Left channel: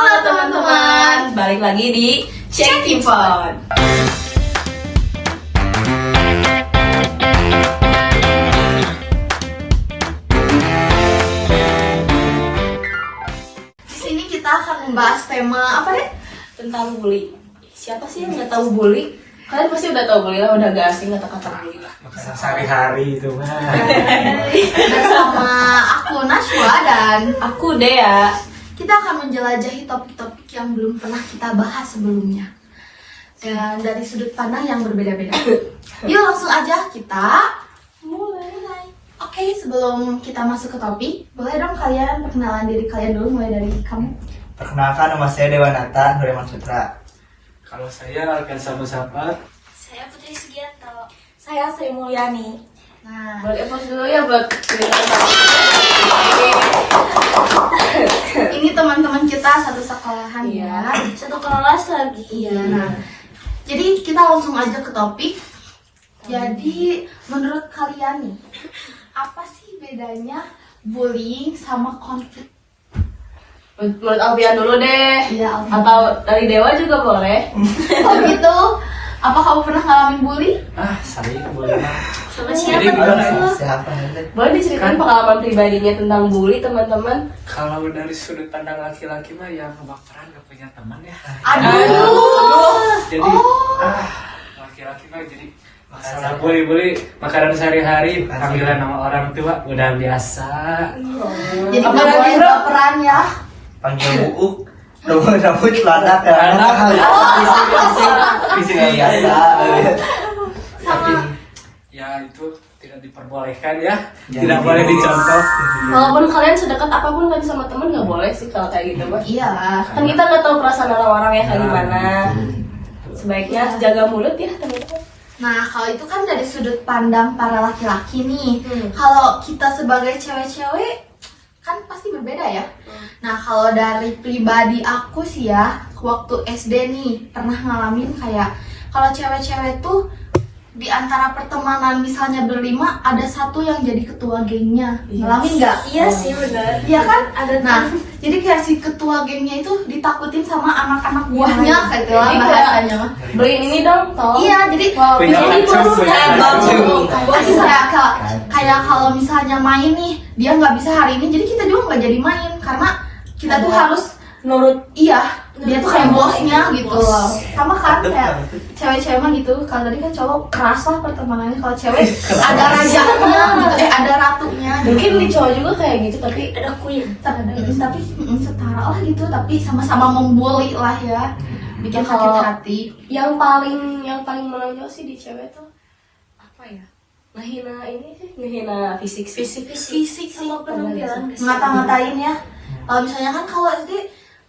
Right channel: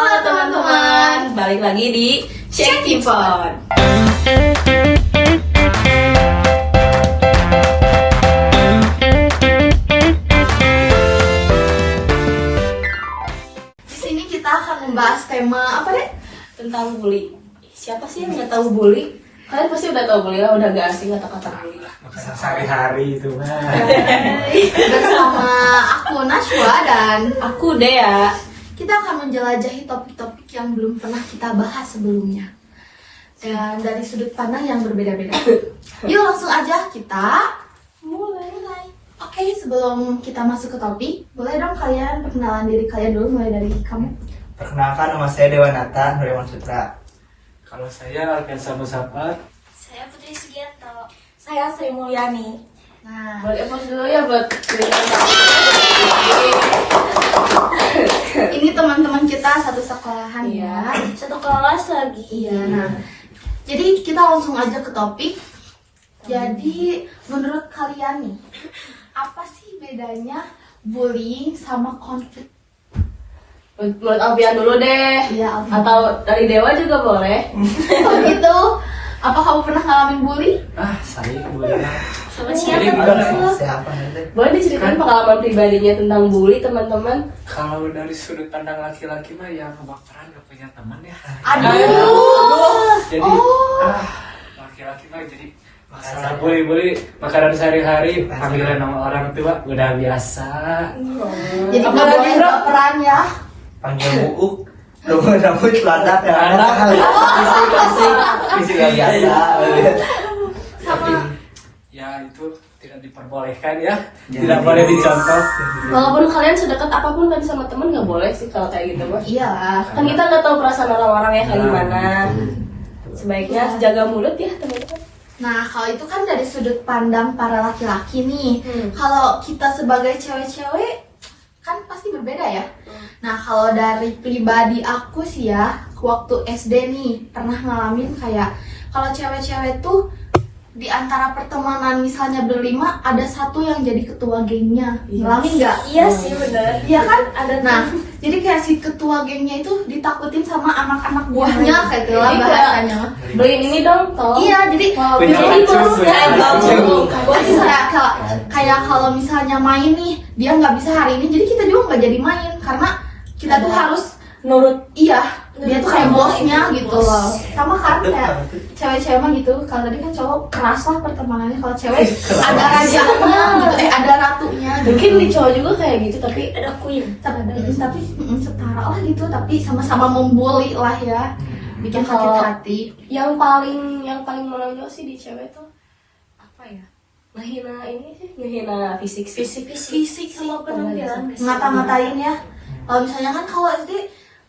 Halo teman-teman, balik lagi di Chatting Pod. Di sini kita akan membahas tema apa deh? Tentang bully. Siapa sih yang nggak tahu bully? Kalian pasti udah tahu bully lah, udah gak asing kata-kata bully lah. Sehari-hari itu mah. Bersama aku Najwa dan aku Dea. Kita akan menjelajahi topik-topik yang belum pernah kita bahas sebelumnya. Dan dari sudut pandang yang berbeda-beda. Yuk langsung aja kita mulai. Oke, sebelum kita masuk ke topik, boleh dong kalian perkenalan diri kalian dulu, mulai dari kamu. Perkenalkan, nama saya Dewanata Nuremon Sutra. Kalau saya akan sapa-sapa. Saya Putri Sugianto. Saya Sri Mulyani. Nah, Boleh pause dulu ya buat ini teman-teman kita satu sekolahan ya. satu kelas lagi. Iya. Nah, jadi kita langsung aja ke topik. Jadi menurut kalian nih, apa sih bedanya bullying sama konflik? Menurut Albian dulu deh. Iya, Albian. Atau dari Dewa juga boleh. Kalau gitu, apa kamu pernah ngalamin bully? Saya boleh. Sama Jadi siapa gimana tuh? siapa nanti? Boleh diceritain pengalaman pribadinya tentang bully teman-teman. Kalau dari sudut pandang laki-laki mah yang baperan gak punya teman ya. Aduh. Jadi laki-laki mah jadi ada boleh makanan sehari-hari panggilan nama orang tua udah biasa. Jadi benar-benar baperan ya. Panggil buuk, rumah rambut peladak ya. Visi Nggak biasa. Tapi ya itu tidak diperbolehkan ya. Tidak boleh dicontoh. Walaupun kalian sedekat apapun kan sama temen nggak boleh sih kalau kayak gitu mas. Iya. Kan kita nggak tahu perasaan orang ya kayak gimana. Sebaiknya jaga mulut ya teman-teman. Nah, kalau itu kan dari sudut pandang para laki-laki nih. Kalau kita sebagai cewek-cewek kan pasti berbeda ya. Nah, kalau dari pribadi aku sih ya, waktu SD nih pernah ngalamin kayak kalau cewek-cewek tuh di antara pertemanan misalnya berlima ada satu yang jadi ketua gengnya. Ngalamin nggak? Iya sih benar. Iya kan? Ada. Nah, jadi kayak si ketua gengnya itu ditakutin sama anak-anak buahnya kayak gitu lah bahasanya. Beliin ini dong tolong. Iya, jadi Punya jadi kacang, dulu punya kacang. kayak kalau misalnya main nih dia nggak bisa hari ini, jadi kita juga nggak jadi main karena kita tuh harus Nurut. iya dia tuh kayak bosnya gitu loh. Sama kan kayak cewek-cewek mah gitu. Kalau tadi kan cowok keras lah pertemanannya, kalau cewek ada rajanya gitu, ada ratunya. Mungkin di cowok juga kayak gitu tapi ada queen. Tapi setara lah gitu, tapi sama-sama membuli lah ya, bikin hati-hati. Yang paling menonjol sih di cewek tuh apa ya? Ngehina ini sih, ngehina fisik sama penampilan. Ngata-ngatain ya. Kalau misalnya kan kalau SD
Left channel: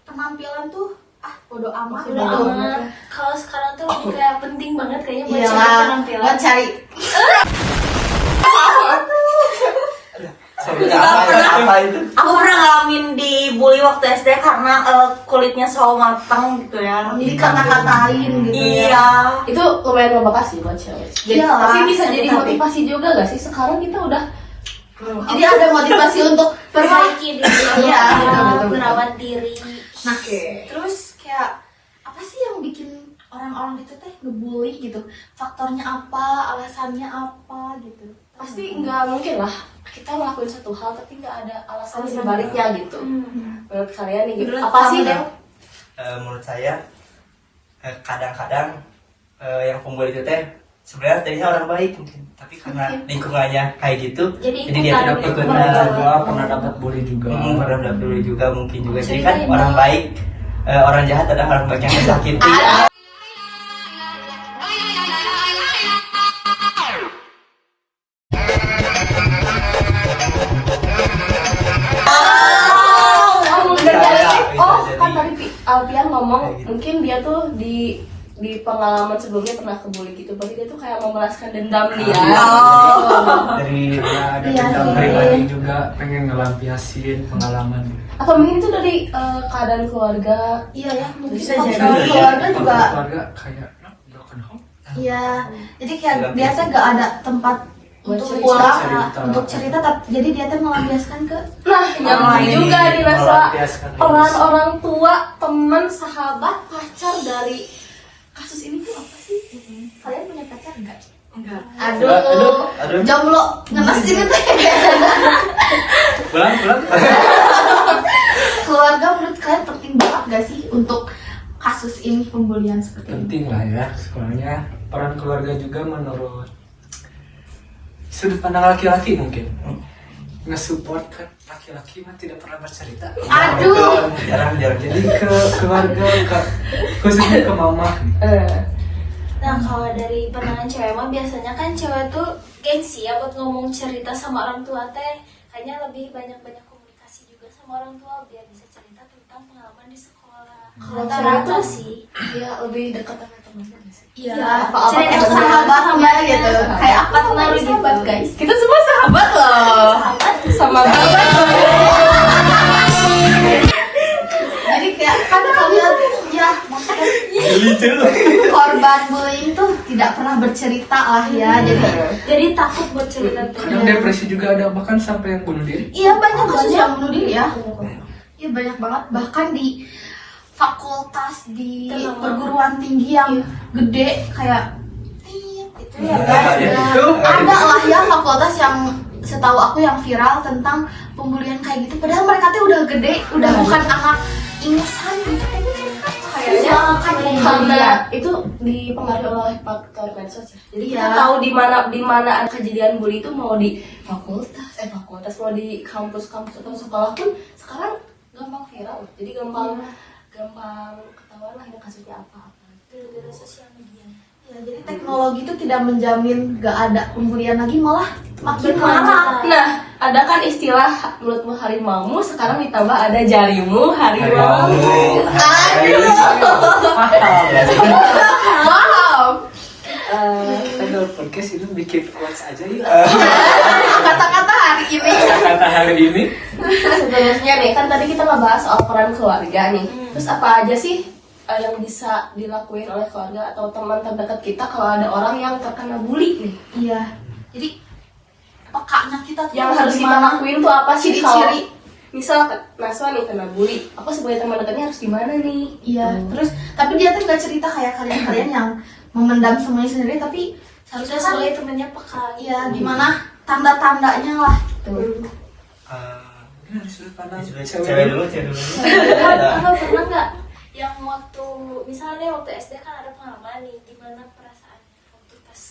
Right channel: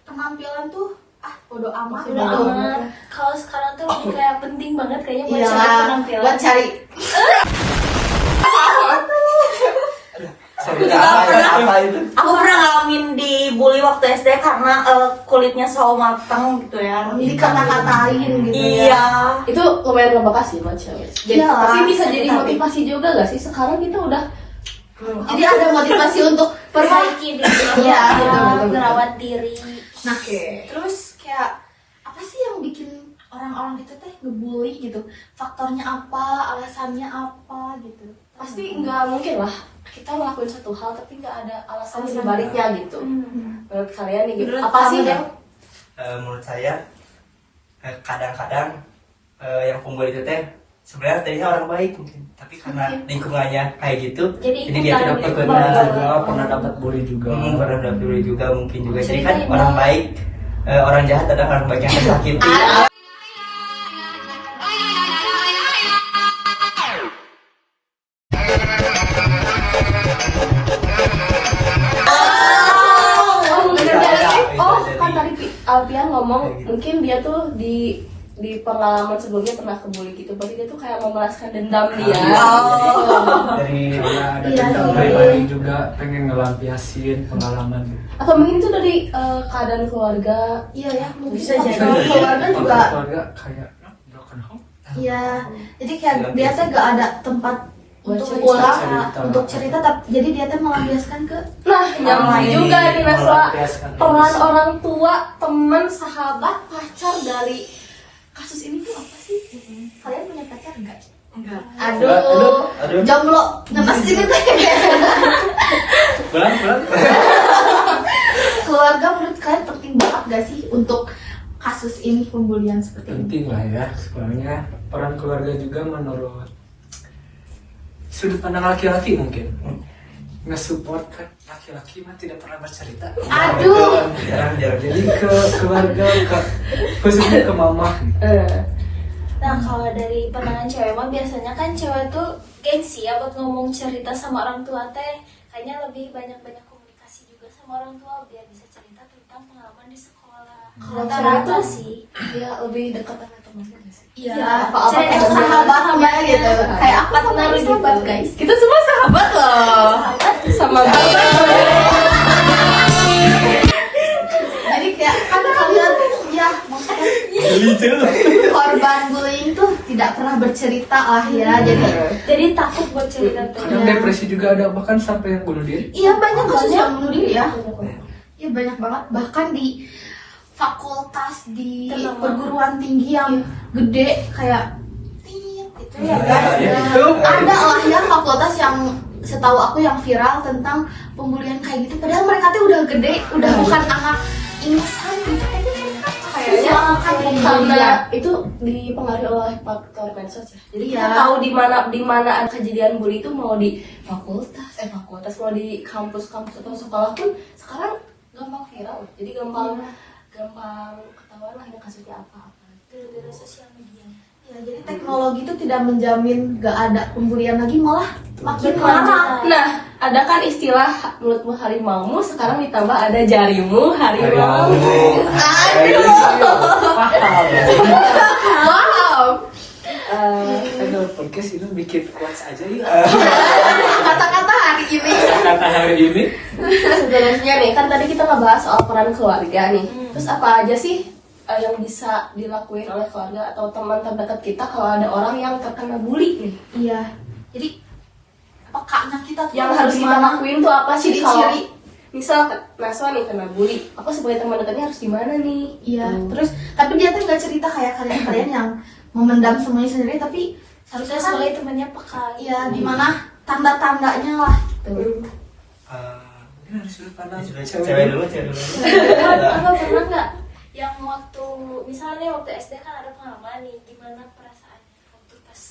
penampilan tuh bodo amat. Udah amat. Kalau sekarang tuh kayak penting banget kayaknya buat Iya, cari penampilan. buat cari. Apa itu? Aku pernah ngalamin dibully waktu SD karena kulitnya sawo matang gitu ya. Dikata-katain gitu. Iya. Itu lumayan membekas sih buat cewek. Iya lah, Tapi bisa jadi sakit hati. motivasi juga gak sih? Sekarang kita udah Jadi ada motivasi untuk perbaiki diri, Iya, merawat diri. Nah, terus kayak apa sih yang bikin orang-orang itu teh ngebully gitu? Faktornya apa? Alasannya apa gitu? Pasti nggak mungkin lah kita ngelakuin satu hal tapi nggak ada alasan di baliknya gitu. Menurut kalian nih gitu. Apa sih Del? Menurut saya kadang-kadang yang pembuli itu teh sebenarnya tadinya orang baik mungkin, tapi karena lingkungannya kayak gitu, jadi dia tidak Pernah dapat bully juga. pernah bully juga mungkin juga. Jadi kan orang baik, orang jahat adalah orang baik yang tersakiti. Kan tadi Alfian ngomong mungkin dia tuh di pengalaman sebelumnya pernah kebuli gitu. Berarti dia tuh kayak memelaskan dendam dia. Dari Ada Iya, dendam iya. pribadi juga pengen ngelampiasin pengalaman. Atau mungkin itu dari keadaan keluarga. Iya ya, Bisa mungkin jadi. keluarga juga. Keluarga kayak Iya, jadi kayak dia tuh gak ada tempat untuk Cerita. pulang Cerita. untuk cerita, tapi jadi dia tuh melampiaskan ke Nah, yang lain juga dirasa Melampiaskan peran orang tua, teman, sahabat, pacar dari kasus ini tuh apa sih? kalian punya pacar enggak? Enggak. Aduh, jomblo ngenes ini teh. Pulang. Keluarga menurut kalian penting banget gak sih untuk kasus ini, pembulian seperti ini? Penting lah ya, soalnya peran keluarga juga menurut sudut pandang laki-laki mungkin nge-support kan laki-laki mah tidak pernah bercerita. Aduh, Jarang. Jadi ke keluarga, khususnya ke mama. Nah kalau dari pandangan cewek mah biasanya kan cewek tuh gengsi ya buat ngomong cerita sama orang tua teh. Kayaknya lebih banyak komunikasi juga sama orang tua biar bisa cerita tentang pengalaman di sekolah. Rata-rata sih. Iya, lebih dekat sama teman. Iya. cerita sahabatnya gitu. Kayak apa Partner sama lipat guys. Kita semua sahabat loh. Sama Jadi kayak kan kalian ya maksudnya korban bullying tuh tidak pernah bercerita lah ya. Jadi takut buat cerita tuh. Kadang depresi juga ada, bahkan sampai yang bunuh diri. Iya banyak kasus yang bunuh diri ya. Iya banyak banget, bahkan di fakultas, di perguruan tinggi yang gede kayak gitu ya kan. Ada lah ya fakultas yang setahu aku yang viral tentang pembulian kayak gitu. Padahal mereka tuh udah gede, udah bukan anak insan gitu. itu dipengaruhi oleh faktor medsos ya. Jadi kita tahu di mana ada kejadian bully itu mau di fakultas mau di kampus atau sekolah pun sekarang gampang viral. Jadi gampang ketahuan lah ini kasusnya apa-apa. Gara-gara sosial media. Ya, jadi teknologi itu tidak menjamin gak ada pembulian lagi, malah makin parah. Nah, ada kan istilah mulutmu harimaumu, sekarang ditambah ada jarimu harimau. Wow. Kita podcast itu bikin quotes aja ya. Kata-kata hari ini. Kata hari ini. Sebenarnya nih kan tadi kita ngebahas soal peran keluarga nih. Terus apa aja sih yang bisa dilakuin oleh keluarga atau teman terdekat kita kalau ada orang yang terkena bully nih? Iya. Jadi pekaknya kita tuh Yang harus kita lakuin tuh apa sih kalau ciri-ciri. misal Naswa nih kena bully, aku sebagai teman dekatnya harus gimana nih? Iya, terus tapi dia tuh gak cerita kayak kalian yang memendam semuanya sendiri, tapi Harusnya seharusnya soalnya temennya peka. iya gimana tanda-tandanya lah gitu. Mungkin dari sudut pandang Cewek dulu. Abang pernah nggak yang waktu misalnya waktu SD kan ada pengalaman nih gimana perasaannya waktu pas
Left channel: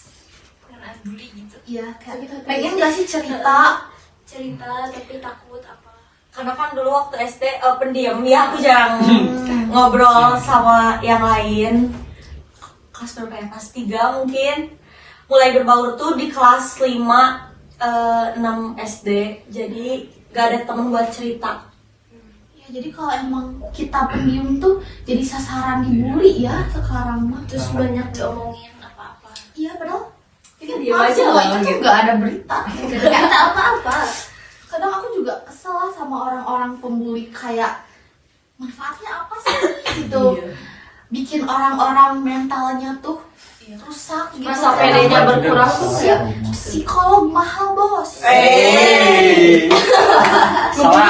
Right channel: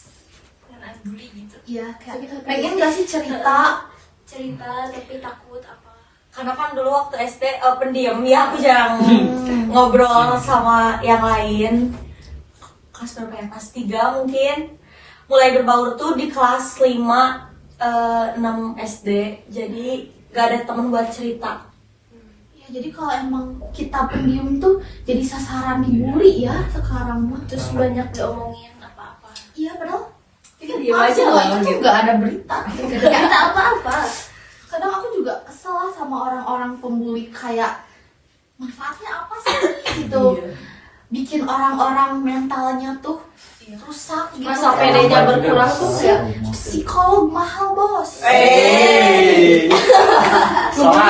kena bully gitu. Iya, kayak pengen kasih cerita. Tapi takut apa? Karena kan dulu waktu SD pendiam ya, aku jarang ngobrol sama yang lain. Kelas berapa ya? Kelas 3 mungkin. Mulai berbaur tuh di kelas 5, 6 SD. Jadi gak ada temen buat cerita. Ya, jadi kalau emang kita pendiam tuh jadi sasaran dibully ya sekarang mah. Terus banyak diomongin apa-apa. Iya, padahal Iya, aja loh, itu tuh gak ada berita. Kita apa-apa. Kadang aku juga kesel lah sama orang-orang pembuli, kayak manfaatnya apa sih gitu. Bikin orang-orang mentalnya tuh rusak gitu. Masa PD-nya berkurang tuh ya. Psikolog mahal bos. salah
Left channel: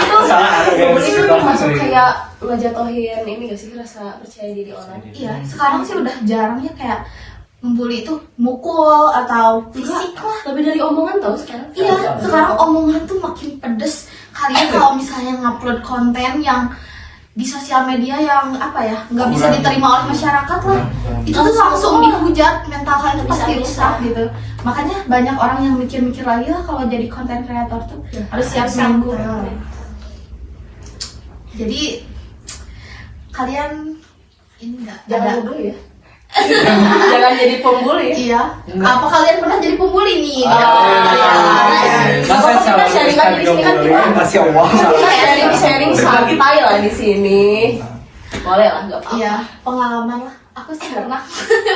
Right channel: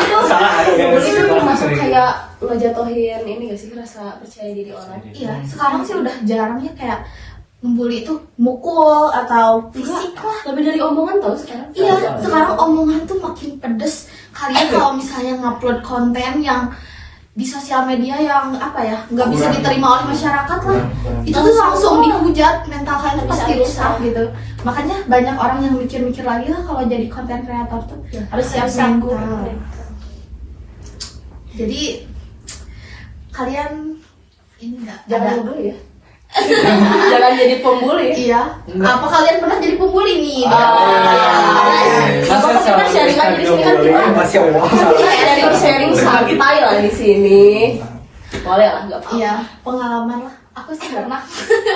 aku guys. Itu masuk kayak ngejatuhin ini gak sih rasa percaya diri orang? Iya, sekarang sih udah jarang ya kayak membuli itu mukul atau fisik lah. Lebih dari omongan tau sekarang. Iya, sekarang omongan tuh makin pedes. Kalian kalau misalnya ngupload konten yang di sosial media yang apa ya, nggak bisa diterima oleh masyarakat lah, itu tuh langsung dihujat, mental kalian tuh pasti rusak gitu. Makanya banyak orang yang mikir-mikir lagi lah kalau jadi konten kreator tuh harus siap mental. Jadi kalian ini nggak Jangan ada. dulu ya. Jangan jadi pembuli. Iya. Apa kalian pernah jadi pembuli nih? Masa sama Instagram bullying masih Allah. Sharing santai lah di sini. Boleh lah, nggak apa-apa. Iya, pengalaman lah. Aku sih pernah.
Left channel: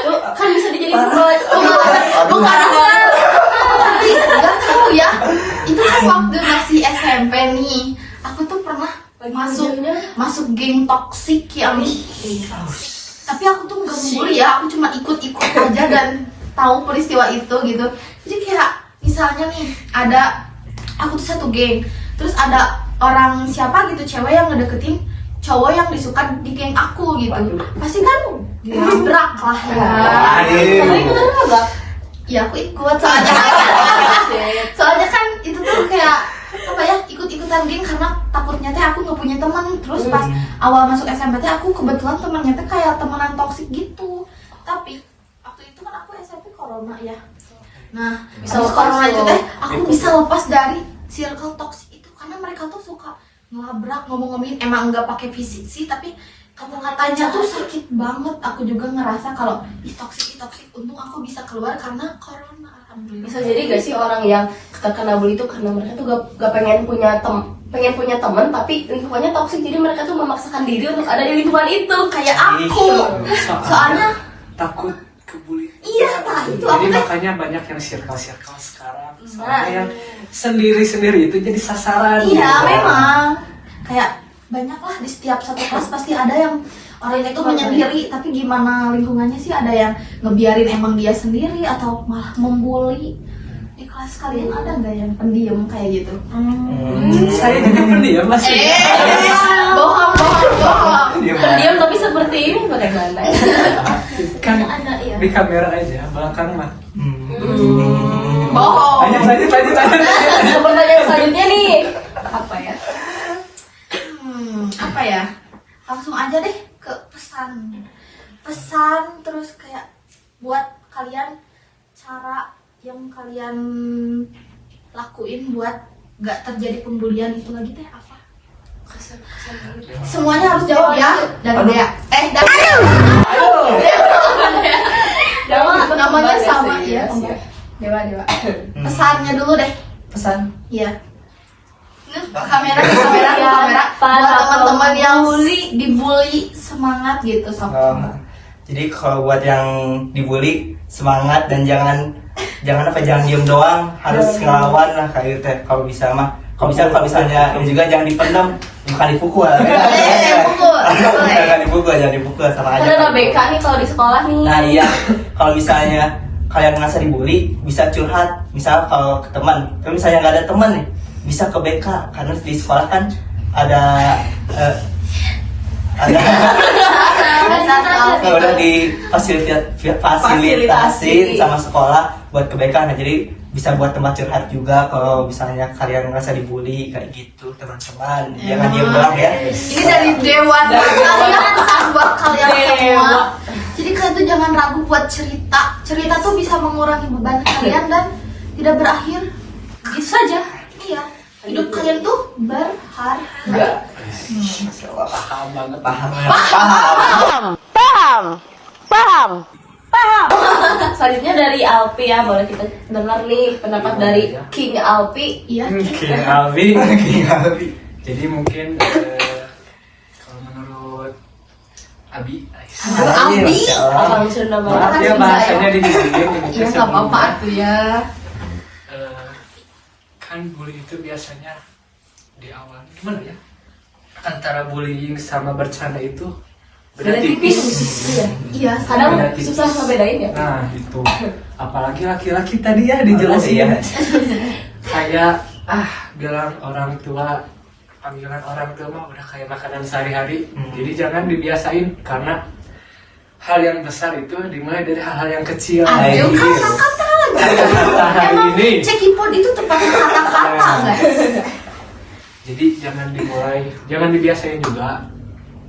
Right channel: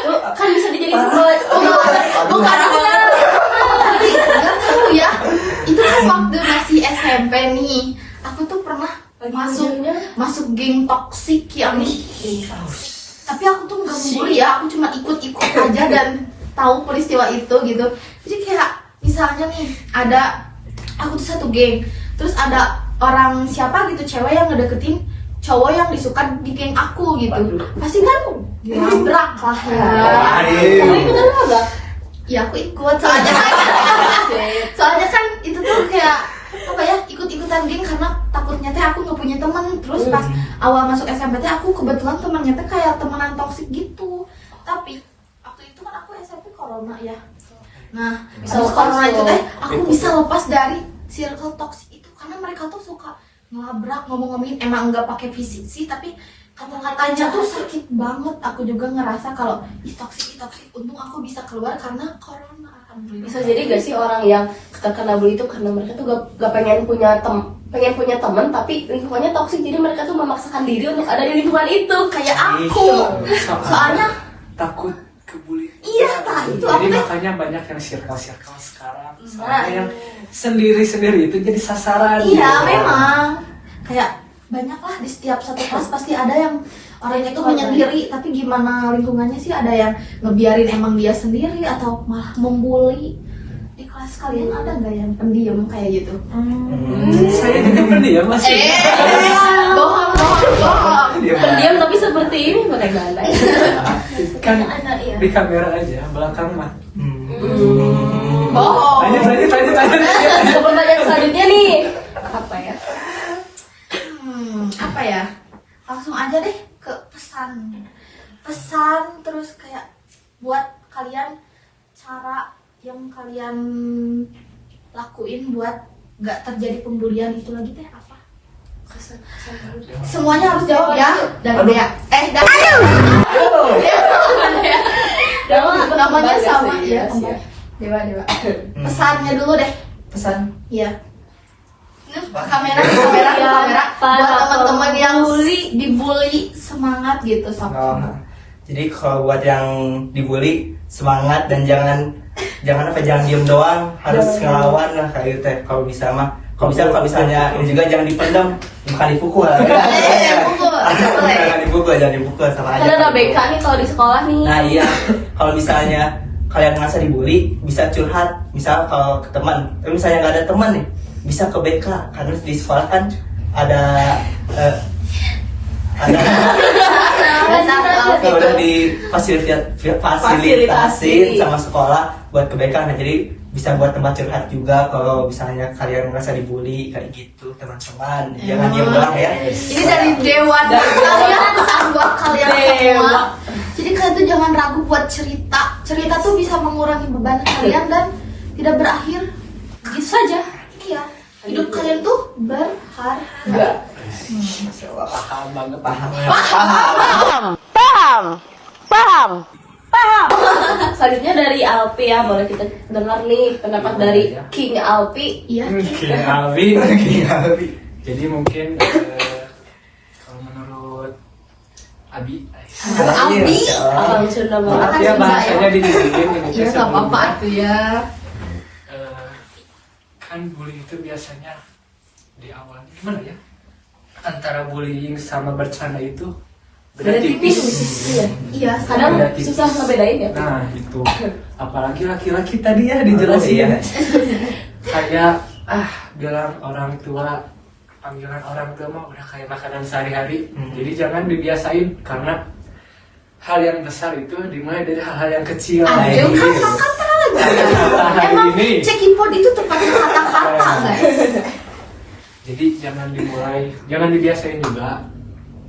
Lu kan bisa dijadiin Pengalaman. Tapi nggak tahu ya. Itu waktu masih SMP nih. Aku tuh pernah masuk geng toksik yang tapi aku tuh nggak membuli ya, aku cuma ikut-ikut aja dan tahu peristiwa itu gitu. Jadi kayak misalnya nih ada aku tuh satu geng, terus ada orang siapa gitu cewek yang ngedeketin cowok yang disuka di geng aku gitu, pasti kan dilabrak lah ya. Aduh. Itu kan udah Ya aku ikut soalnya kan itu tuh kayak apa ya, ikut-ikutan geng karena takutnya teh aku nggak punya teman. Terus pas awal masuk SMP teh aku kebetulan temannya teh kayak temenan toksik gitu. Tapi waktu itu kan aku SMP corona ya. Nah, kalau corona itu teh aku bisa lepas dari circle toksik itu karena mereka tuh suka ngelabrak, ngomong-ngomongin, emang nggak pakai fisik sih, tapi kata-katanya tuh sakit banget. Aku juga ngerasa kalau toksik. Untung aku bisa keluar karena corona. Alhamdulillah. bisa jadi gak sih orang yang terkena bully itu karena mereka tuh gak pengen punya teman tapi lingkungannya toksik, jadi mereka tuh memaksakan diri untuk ada di lingkungan itu kayak aku. Soalnya takut kebuli. iya itu Jadi makanya banyak yang circle sekarang. Soalnya yang sendiri itu jadi sasaran. iya memang kayak banyak lah di setiap satu kelas pasti ada yang orangnya itu menyendiri, tapi gimana lingkungannya sih, ada yang ngebiarin emang dia sendiri atau malah membuli. Di kelas kalian ada nggak yang pendiam kayak gitu? Saya juga pendiam masih. Bohong. Diam tapi seperti ini bagaimana? Kan Ada iya. di kamera aja, belakang mah. Bohong. Lanjut. Pertanyaan selanjutnya nih apa ya? Apa ya? Langsung aja deh ke pesan terus kayak buat kalian cara yang kalian lakuin buat nggak terjadi pembulian itu lagi teh apa? Semuanya harus jawab ya. Dan Dea. Dewa namanya sama ya. Dewa. Pesannya dulu deh. Pesan. Iya. Kamera buat teman-teman yang dibully semangat gitu sob. Jadi kalau buat yang dibully semangat dan jangan diem doang, harus ngelawan lah kayak gitu. Kalau misalnya ini juga jangan dipendam, bukan dipukul. Jangan dipukul sama aja. Ada BK nih kalau di sekolah nih. Nah iya, kalau misalnya kalian merasa dibully, bisa curhat. Misal kalau ke teman, tapi misalnya nggak ada teman nih, bisa ke BK karena di sekolah kan ada udah difasilitasin sama sekolah buat ke BK. Nah jadi bisa buat tempat curhat juga kalau misalnya kalian merasa dibully kayak gitu teman-teman. Jangan diam doang ya. Ini dari Dewa kalian pesan buat kalian semua. Jadi kalian tuh jangan ragu buat cerita. Cerita tuh bisa mengurangi beban kalian dan tidak berakhir gitu saja. Iya. Hidup kalian tuh berharga. Paham banget. Selanjutnya dari Alpi ya, boleh kita dengar nih pendapat dari King Alpi. Iya. King Alwi. Jadi mungkin kalau menurut Abi. Kalau sudah Maaf ya bahasanya diginiin Indonesia. Nggak apa-apa tuh ya. Kan bully itu biasanya di awal gimana ya, antara bullying sama bercanda itu beda tipis. Iya. Kadang susah ngebedain ya. Nah itu apalagi laki-laki tadi ya dijelasin kayak bilang orang tua, panggilan orang tua mah udah kayak makanan sehari-hari. Jadi jangan dibiasain karena hal yang besar itu dimulai dari hal-hal yang kecil. Aduh, Kata-kata hari ini. Cekipot itu tempatnya kata-kata guys. Jadi jangan dibiasain juga.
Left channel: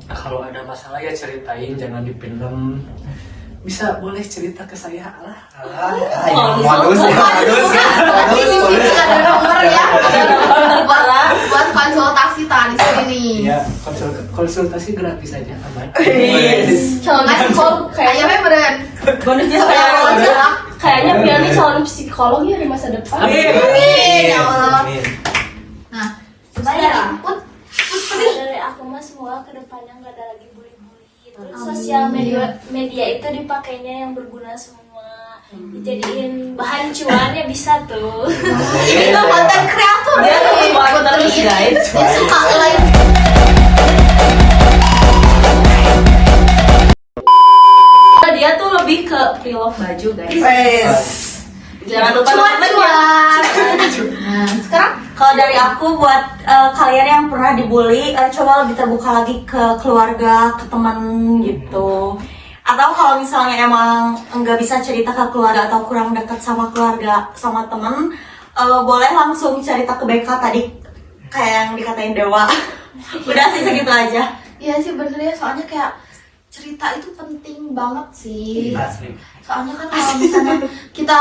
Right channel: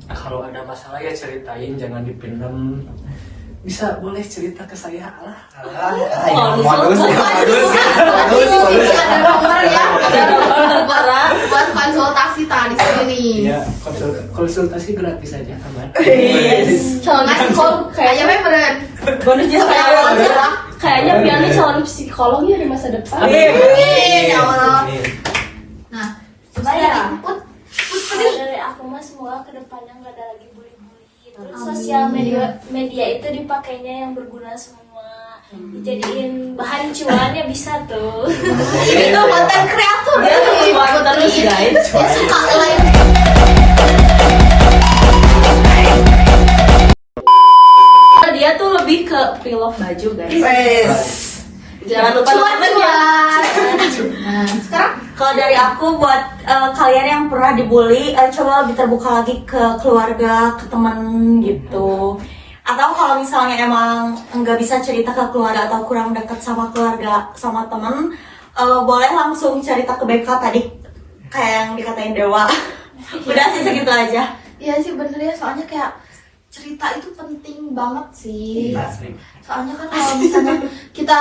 Kalau ada masalah ya ceritain, jangan dipendam. Bisa boleh cerita ke saya lah. Buat konsultasi tadi sini. Iya, konsultasi gratis aja aman. Kayaknya beneran. Bonus jasa kayaknya biar nih calon psikolog ya di masa depan. Nah, saya input Dari aku mah semua kedepannya nggak ada lagi bully-bully. Terus sosial media itu dipakainya yang berguna semua. Dijadiin bahan cuan ya bisa tuh. itu konten kreator ya. Suka like. Dia tuh lebih ke pilot baju guys. Jangan lupa Cuan-cuan. Kalau dari aku buat kalian yang pernah dibully, coba lebih terbuka lagi ke keluarga, ke teman gitu. Atau kalau misalnya emang nggak bisa cerita ke keluarga atau kurang dekat sama keluarga, sama temen, boleh langsung cerita ke BK tadi kayak yang dikatain Dewa. Udah sih segitu aja. Iya sih bener ya, soalnya kayak cerita itu penting banget sih. Asli. Soalnya kan kalau misalnya kita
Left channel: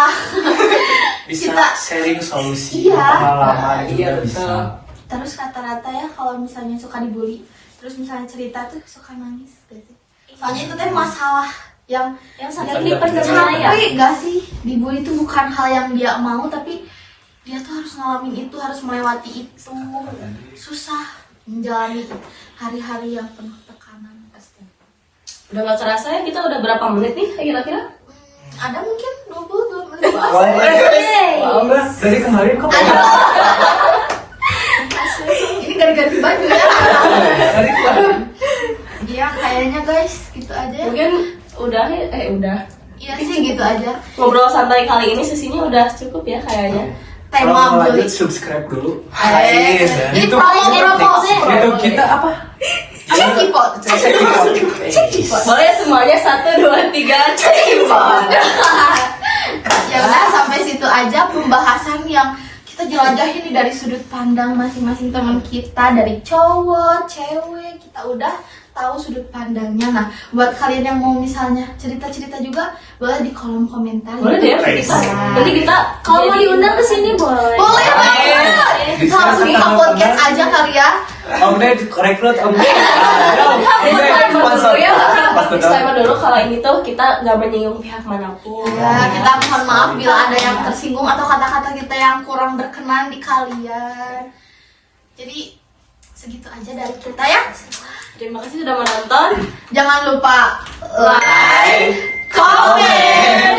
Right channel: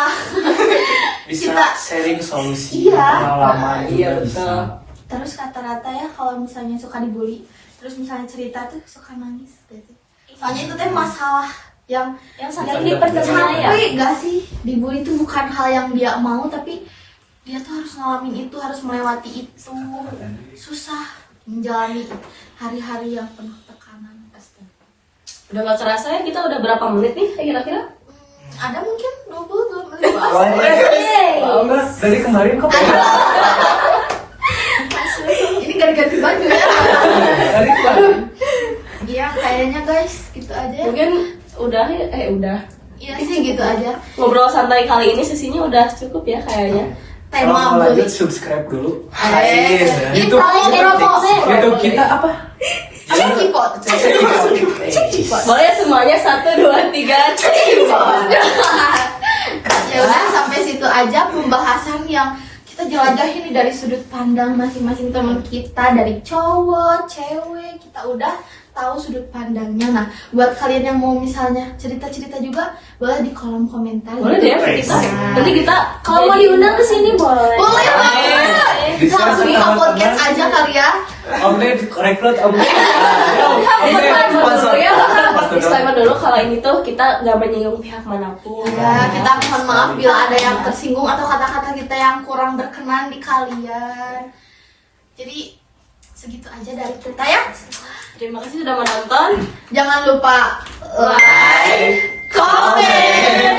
Bisa sharing solusi Iya. pengalaman Iya, juga bisa. betul. terus rata-rata ya kalau misalnya suka dibully, terus misalnya cerita tuh suka nangis gitu. Soalnya itu teh masalah yang Yang dipendam ya. capek gak sih? Dibully itu bukan hal yang dia mau, tapi dia tuh harus ngalamin itu, harus melewati itu. Susah menjalani hari-hari yang penuh tekanan pasti. Udah gak kerasa ya, kita udah berapa menit nih kira-kira? Ada mungkin 20 menit. Dari kemarin kok Ini ganti-ganti baju ya. dari kemarin. Iya kayaknya guys gitu aja. Mungkin udah udah. Iya sih gitu aja. Ngobrol santai kali ini sesinya udah cukup ya kayaknya. Kalau Tema mau bully. lanjut subscribe dulu. Ini YouTube YouTube kita apa? Apa kipot? Boleh semuanya 1, 2, 3 cekipot. Ya udah sampai situ aja pembahasan yang kita jelajahin nih dari sudut pandang masing-masing teman kita, dari cowok, cewek, kita udah tahu sudut pandangnya. Nah, buat kalian yang mau misalnya cerita-cerita juga boleh di kolom komentar. Boleh ya, bisa. Nanti kita Kalau mau diundang ke sini boleh. Boleh banget. Bisa Langsung ke ketemu podcast teman. aja kali ya. Omnet rekrut Omnet. Sponsor. Sponsor. disclaimer dulu kalau ini tuh kita nggak menyinggung pihak manapun. Ya, kita mohon maaf bila ada yang tersinggung atau kata-kata kita yang kurang berkenan di kalian. Jadi segitu aja dari kita ya. Terima kasih sudah menonton. Jangan lupa like, comment, dan